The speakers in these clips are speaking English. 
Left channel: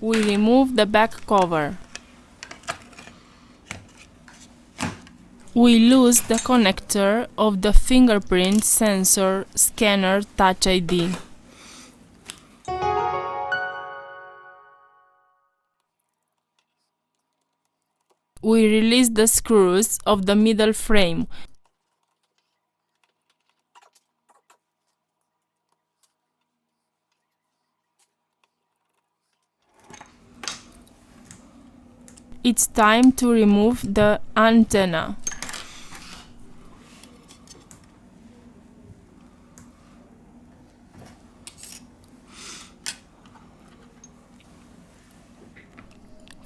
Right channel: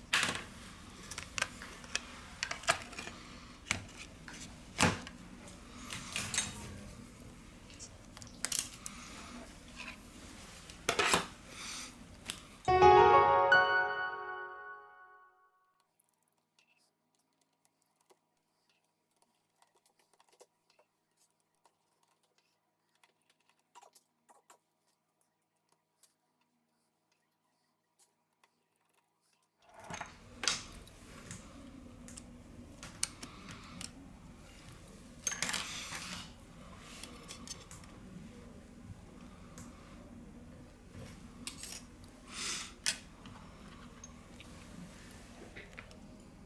we remove the back cover. We lose the connector of the fingerprint sensor scanner Touch ID. We release the screws of the middle frame. It's time to remove the antenna.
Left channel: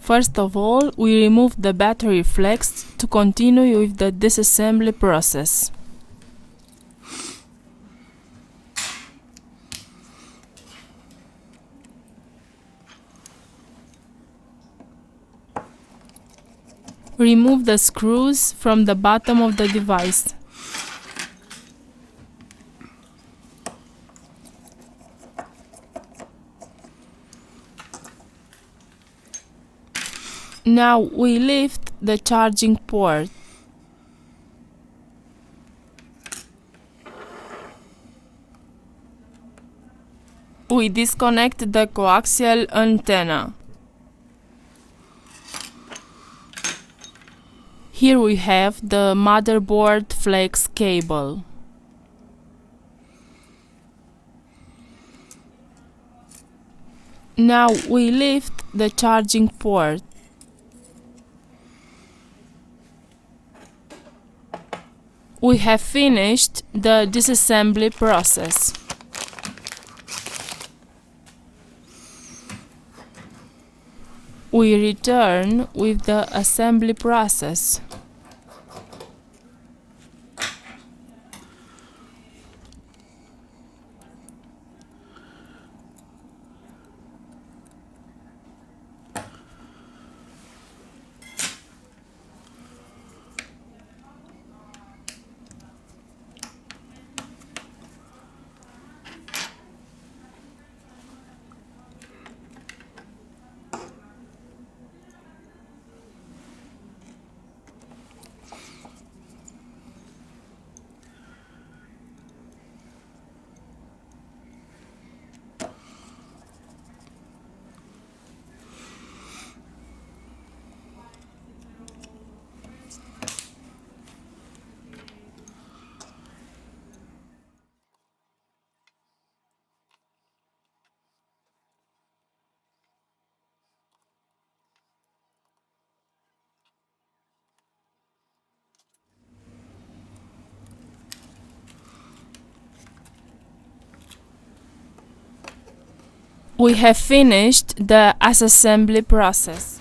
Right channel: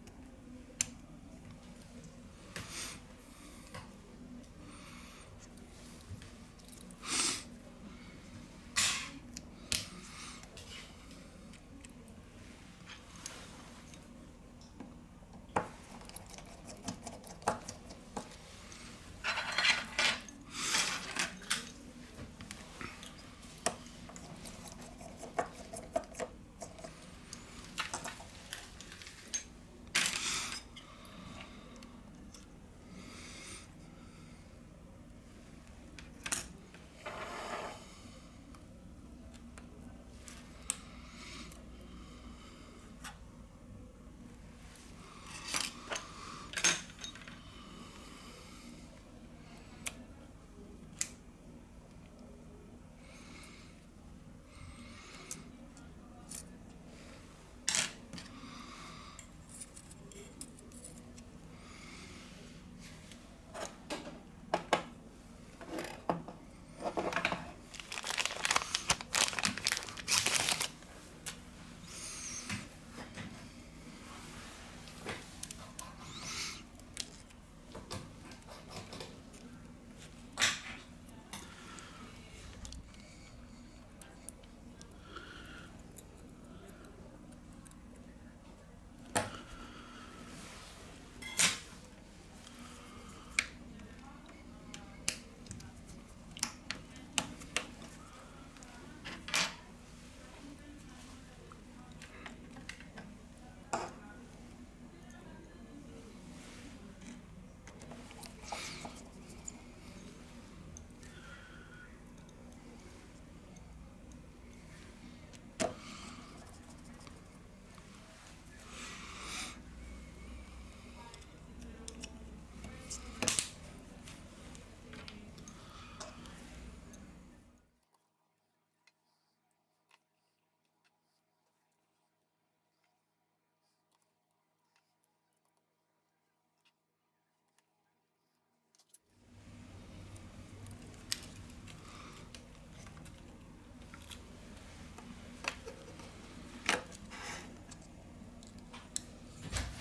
First of all, we remove the battery flex to continue with the disassembly process. Remove the screws from the bottom of the device. Now we lift the charging port. We disconnect the coaxial antenna. Here we have the motherboard flex cable. Now we lift the charging port. We have finished the disassembly process. We return with the assembly process. We have finished the assembly process.